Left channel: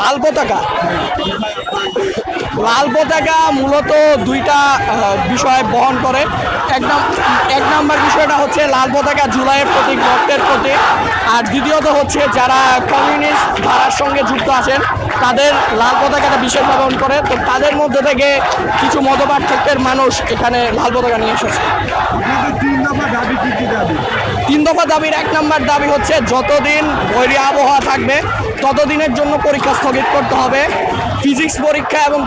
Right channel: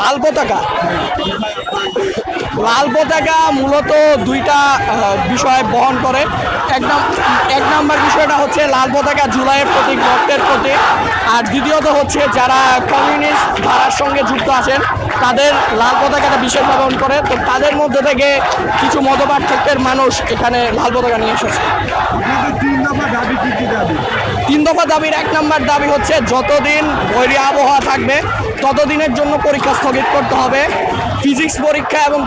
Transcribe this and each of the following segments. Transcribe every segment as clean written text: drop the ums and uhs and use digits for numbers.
লাল পতাকা মূলত দুইটা বিষয় বহন করে। এক নম্বর বিষয়টা হচ্ছে লাল পতাকা জুলাইয়ের প্রতীক, রক্তের প্রতীক। আর দ্বিতীয়ত হচ্ছে যারা কমিউনিস্ট ধারার সঙ্গে যুক্ত আছেন তাদের লাল পতাকাটা বিশেষভাবে বহন করে। তো তাদের মধ্যে থেকে কিছু মতপার্থক্যের মানুষ এখানে লাল পতাকা নিয়ে এসেছে। 3 দফা দাবির 1 নম্বর দাবি হচ্ছে যতদিন বৈরী আবহাওয়া থাকবে ততদিনের জন্য পরীক্ষা স্থগিত করতে হবে। ফিজিক্স পরীক্ষা এবং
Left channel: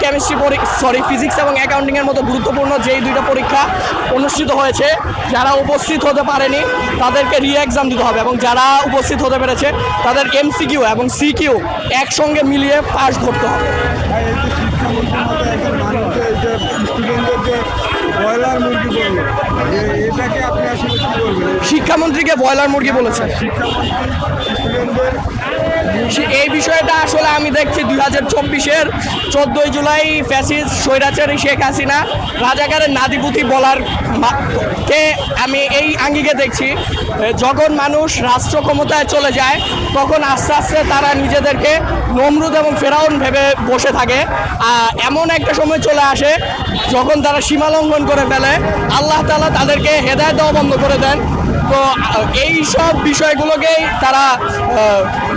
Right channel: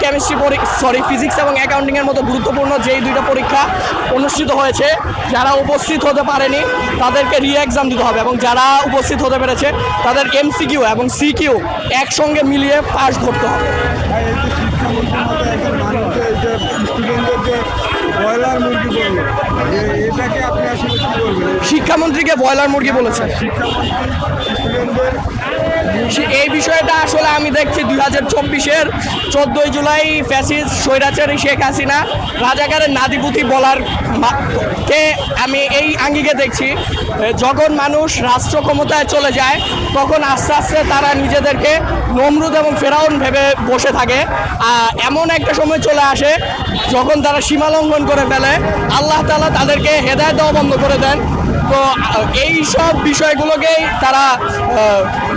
ফিজিক্স এবং অ্যাকাউন্টিংয়ের মতো গুরুত্বপূর্ণ যেই দুইটা পরীক্ষা অনুষ্ঠিত হয়েছে, যারা উপস্থিত হতে পারেনি তাদেরকে এক্সাম দিতে হবে এবং যারা উপস্থিত হতে পেরেছে তাদের MCQ এবং CQ একসঙ্গে মিলিয়ে পাস ধরতে হবে। শিক্ষামন্ত্রীকে ব্রয়লার মুরগি বলেছে। এই বিষয়টা আসলে আমি দেখছি 2024-এর 14 জুলাই ফ্যাসিস্ট স্বৈরাচারী শেখ হাসিনা রাজাকারের নাদিপুতি বলার কে আমি এই আঙ্গিকে দেখছি। যখন মানুষ রাষ্ট্র ক্ষমতায় চলে যায় তখন আস্তে আস্তে তারা নিজেদেরকে নমরুদ এবং ফেরাউন ভেবে বসে থাকে। এমন একটা সময় চলে আসে যখন তারা সীমা লঙ্ঘন করে ফেলে, আল্লাহ তাআলা তাদেরকে হেদায়েত দেওয়া বন্ধ করে দেন। তো এই সব বিষয়গুলোকেই তারা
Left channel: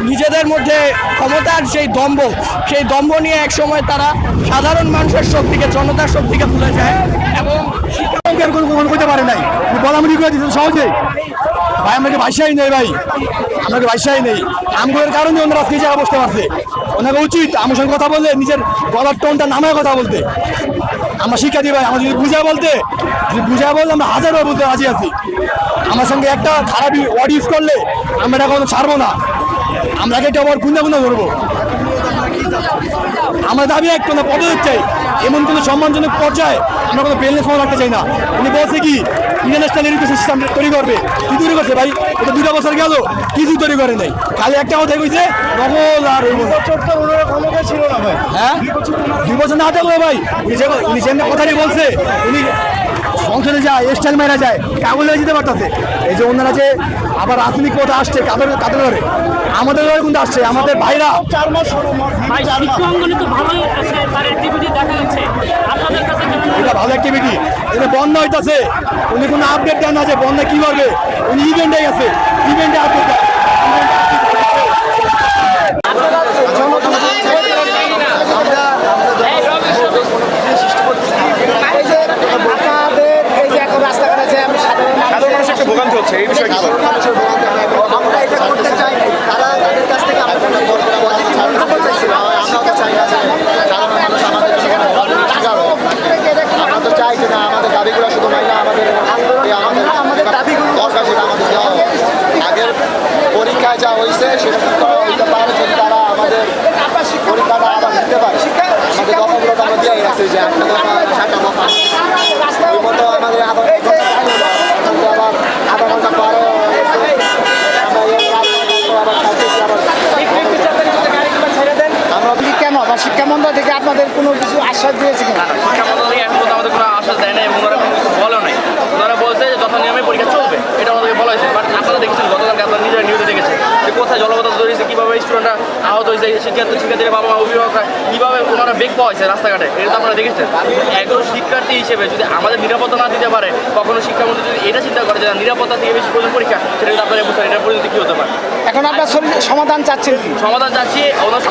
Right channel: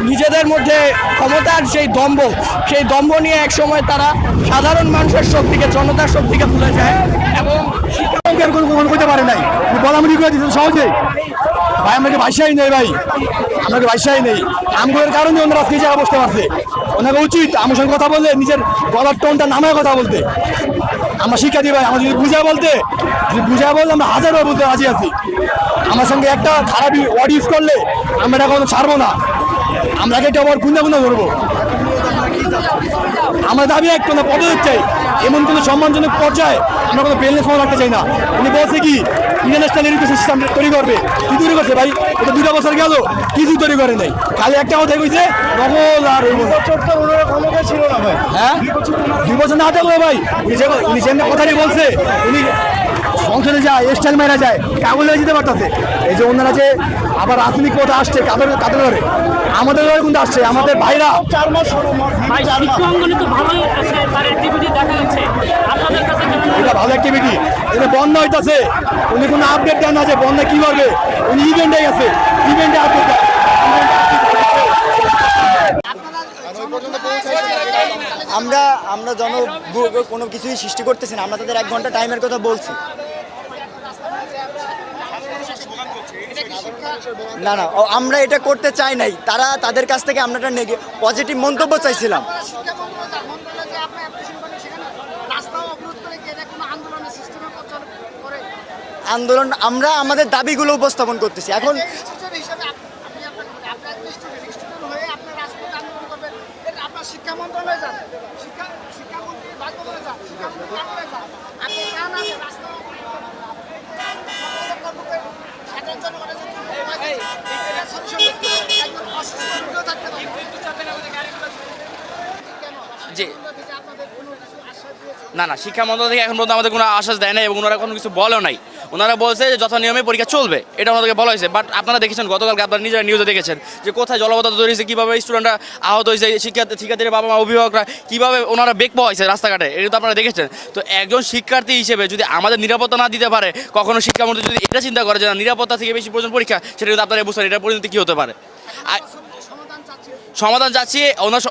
নিজেদের মধ্যে ক্ষমতার সেই দম্ভ নিয়ে একসময় তারা সাধারণ মানুষের শক্তিকে, জনতার শক্তিকে ভুলে যায় এবং শিক্ষার কোনো করতে পারে নাই, বলামুড়ি করে দিচ্ছে সহজে। ভাই আমাকে ভাষাই নেই, ভাই আমাকে ভাষাই নেই। আমগুলোর কারণে ওনারা আজকে জায়গা বসতে পারছে। ওনাকে উচিত আমার সঙ্গে কথা বললে নিজের গলার টোনটা নামায় কথা বলতে। আমরা শিক্ষা দিই ভাই, আমার যদি বুঝায় বলতে আমরা হাজারবার বলতে রাজি আছি। আমার সঙ্গে একটা খারাপ ওয়ার্ড ইউজ করলে আমরা এটা কোনো ছাড়বো না, আমরা এটা আবার গুন্ডা ধরবো। আমরা দাবি একটা না পদক্ষেপ চাই, এমন কোনো সম্মানজনক পর্যায়ে আমরা কোনো বেলনেস ফর্ম রাখতে চাই না। উনি বলছে কি ইন্টারন্যাশনাল এডুকেশন সিস্টেম তৈরি করবে, কি তৈরি করছে ভাই? এটা 2 বছর গেল, কিছু তৈরি করে নাই। খালি একটা কথা কইছে নকল আর ক্ষমতা ছিল না ভাই। হ্যাঁ 2 বছর না থাকলো ভাই, উনি যে কথাটি বলছে, উনি সংসদে যায়, স্টাইল মেরা যায়, কাগজ যেতে পারতেছে। এই যে ওনারা যে আবার রাজনৈতিক পথে আসছে কাদের ধরে, আমাদের ধরে কিন্তু আসছে আমাদের ভাইরা। 4 মাস এটা ভালো অ্যাক্টিভিটি, এটা বন্ধ হইতেছে। উনি কোনো আপডেট দেন না যে বন্ধ কি করবে। উনি ইভেন্টে গেছে, ইভেন্টে আপডেট আমরা এটা করতে চাই নাই, তারা তাদের কাছ থেকে আমরা পজিটিভ মন্তব্য চাইছি না। আন্দোলন আমরা আমাদের দাবিগুলো উপস্থাপন করতেছি। যেমন আগের পরীক্ষায় যা হয়েছে সেটা হইতে পারে যদি তারা আমাদের পরীক্ষাটা আবার দিতে পারে। আমাদের দফাগুলো আমরা দিয়ে গেছে যে 8টা দফা 7টা দফা এই মতো আমাদের আবার আধা ঘন্টা পরে কেন বা শিক্ষামন্ত্রী থেকে আপনাদের কোনো কিছু আশ্বাস দিয়েছে কিনা? শিক্ষামন্ত্রী থেকে এখন পর্যন্ত আমাদের কোনো আশ্বাস দেয় নাই এবং ওনারা কোনো কিছু বলেও নাই। ওনারা বলছে যে যথা নিয়মে পরীক্ষা চলবে, এটা আমাদেরকে বলা হয়েছে। বাট আপনারা দেখেছেন গতকালকে আপনারা নিজের নিউজে দেখেছেন যে কোথায় জলবদ্ধতা তৈরি হয়েছে, কীভাবে স্টুডেন্টরা আহত হয়েছে, শিক্ষার্থীদের বাবা মা অভিভাবকরা কীভাবে ওনারা বেগ পাওয়া হয়েছে রাস্তাঘাটে, এটা তো আপনারা দেখেছেন। তো একজন শিক্ষার্থী হিসেবে যদি আমাদের নিরাপত্তা না দিতে পারে, কখনো শিক্ষামন্ত্রী যদি এটা চিন্তা করে যে নিরাপত্তা থেকে বেশি প্রয়োজন পরীক্ষা, সেটা যদি আপনারা বুঝতেন এটা পরিণতি কী হতে পারে। এখন আপনার সমাধান চাচ্ছেন? সমাধান চাচ্ছি, ওনারা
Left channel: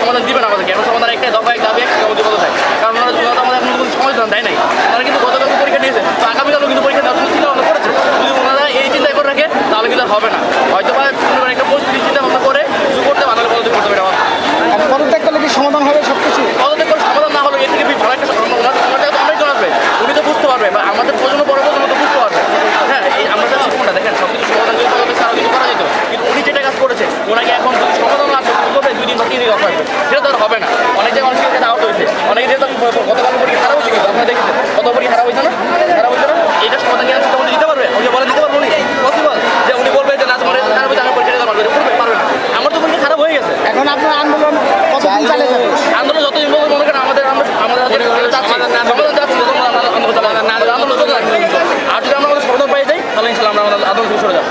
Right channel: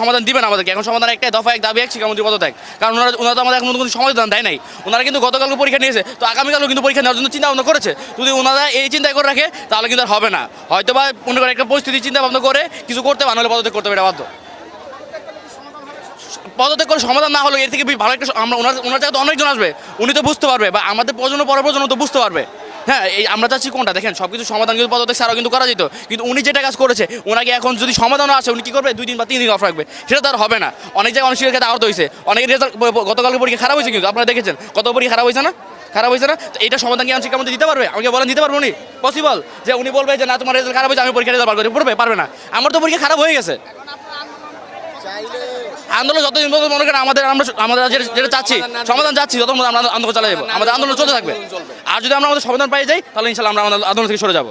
সমাধান দিবেন আমাদেরকে। এখন সমাধান একটাই, দফা এক দাবি এক, শিক্ষামন্ত্রী পদ দেয়। কারণ ওনারা তো আমাদের এখন কোনো সমাধান দেয় নাই। ওনারা কিন্তু গতকালকে পরীক্ষা নিয়েছে, তো আগামীকালও কিন্তু পরীক্ষা দেওয়ার জন্য চিন্তা ভাবনা করেছে। যদি ওনারা এই চিন্তাই করে রাখে তাহলে কিন্তু আর হবে না। হয়তো বা একটা পরিস্থিতি চিন্তা ভাবনা করে কিছু করতে হবে, নাহলে পদত্যাগ করতে হবে। পদত্যাগ করলে কি সমাধান হবে সব কিছু? পদত্যাগ করে সমাধান না হলে এর থেকে ভালো একটা ওনার কাছে তো অনেকজন আসবে, উনি তো বুঝতে পারবে বা আমাদের প্রজন্ম পরপ্রজন্ম তো বুঝতে পারবে। হ্যাঁ, এই আমরা চাচ্ছি কোনটা দেখেন, সব কিছু সমাধান কিন্তু পদত্যাগ ছাড়াও কিন্তু করা যেত। কিন্তু উনি যেটা কাজ করেছে, ওনাকে এখন যদি সমাধান আসে উনি কী করবে, 2 দিন বা 3 দিন অফ রাখবে, সেটা তো আর হবে না। অনেক জায়গায় অনেক শিক্ষার্থী আহত হয়েছে, অনেকের গতকাল পরীক্ষা খারাপ হয়েছে, কিন্তু আপনারা দেখেছেন কত পরীক্ষা খারাপ হয়েছে না, এইটা সমাধান কি শিক্ষামন্ত্রী দিতে পারবে? আমাকে বলে দিতে পারবো উনি? পসিবল যে উনি বলবে যে না তোমার খারাপ হয়েছে, আমি পরীক্ষা দিতে পারবো, পারবে না। আমার তো পরীক্ষা খারাপ হয়ে গেছে। এখন আপনার আন্দোলন আন্দোলন যতদিন পর্যন্ত মনে করেন আমরা যেটা চাচ্ছি সমাধান চাচ্ছি, যত আমরা আন্দোলন চালাই আমাদের আন্দোলন চলতে থাকবে। আর যদি আমরা আমাদের সমাধান পাই যাই তাহলে ইনশাল্লাহ আমরা আমাদের আন্দোলন থেকে সরে যাবো।